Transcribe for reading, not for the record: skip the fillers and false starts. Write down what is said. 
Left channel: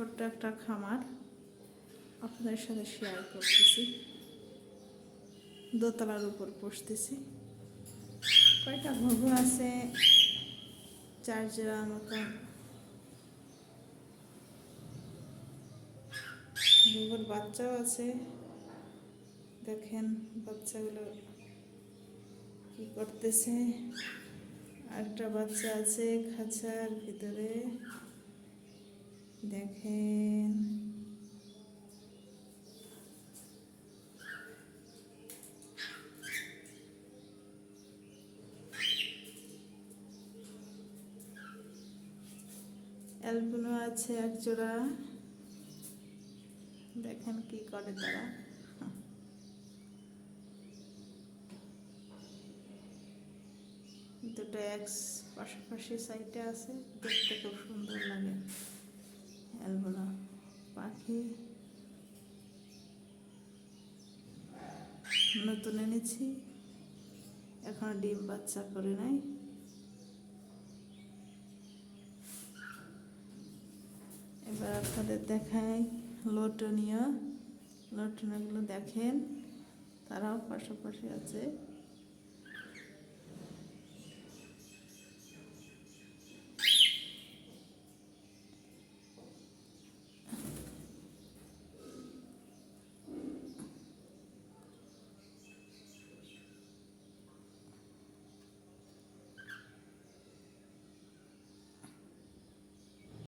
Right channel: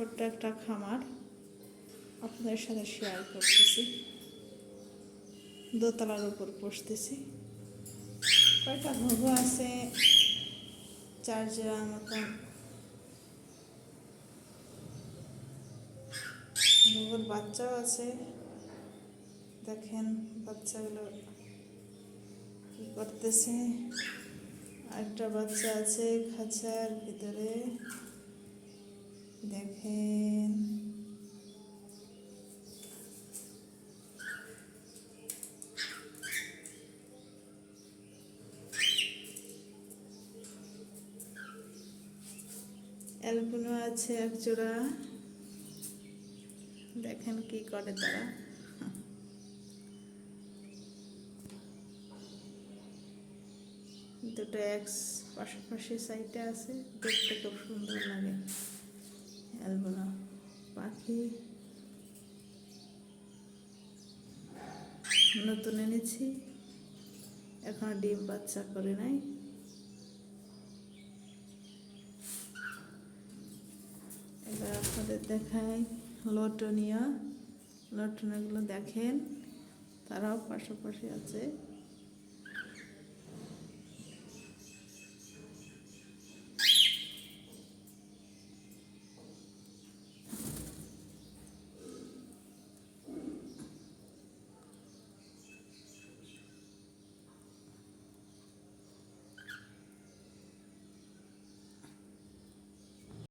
ছোট্ট একটা খামার আপনাদের সাথে শেয়ার করতেছি। দোতলার উপর বসতেছি। কয়টা ঘুঘু আছে, 4 জোড়ার মতন ঘুঘুর বাচ্চাও আছে। দেখেন বাচ্চাগুলো কি করতেছে। আরেকটা বাচ্চা আছে খাঁচার ভিতরে, দেখেন। অ্যালবিনো আছে 1 জোড়া, দেখেন কি করে তারা। দুটো এক্স পাশাপাশি সাইডে আছে, দেখতে খুব সুন্দর লাগে। অ্যালবিনো পাখি নতুন এনেছি, এখনো ডিম বাচ্চা করে নাই। এবার আপনাদের দেখাই লটনিয়া। লটনিয়াগুলো দেখেন, তারাও পাশাপাশি আছে।